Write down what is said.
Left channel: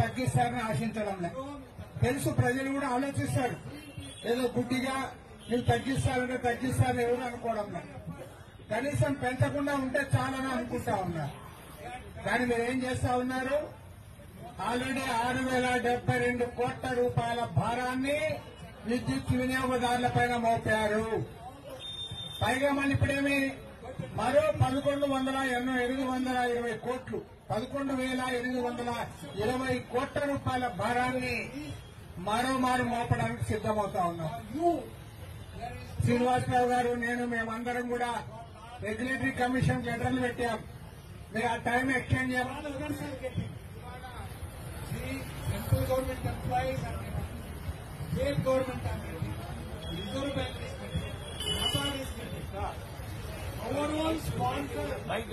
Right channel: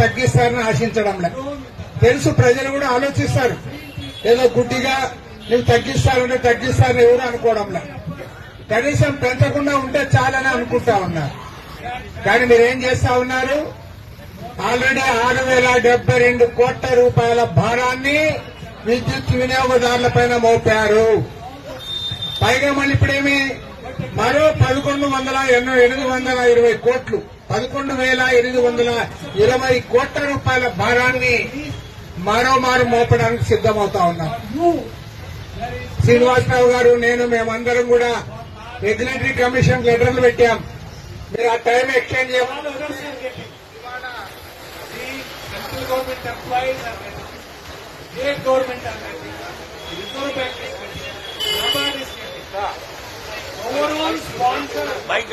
తగ్గిస్తారని ఆశించడంలే. తెలుసు, ప్రజలు కూడా ఆలోచిస్తారు. ఏదో గుడ్డిగా నువ్వు తగ్గిస్తారని ఎవరు అనుకోవడంలే. కనీసం పెంచకుండా ఉంటే చాలని అనుకుంటా ఉన్నారు. కానీ మీరేం చేస్తా ఉన్నారు? ఆల్రెడీ 6,072 కోట్ల రూపాయల భారాన్ని విద్యుత్ వినియోగదారులపైన మోపారు. పైగా మళ్ళీ ఇప్పుడేమి మరో 11,820 కోట్లు, 11,820 కోట్ల రూపాయల భారాన్ని మరోమారు మోపడానికి సిద్దమవుతా ఉన్నాం. శ్రీనివాసరావు గారు, మేమందరం కూడా రెగ్యులేటరీ కమిషన్ లెటర్లు పెట్టాం. మీరు ఆ టైం ఎక్స్టెండ్ చేయాలి. Central government employees state government reserve bank overall sponsor mic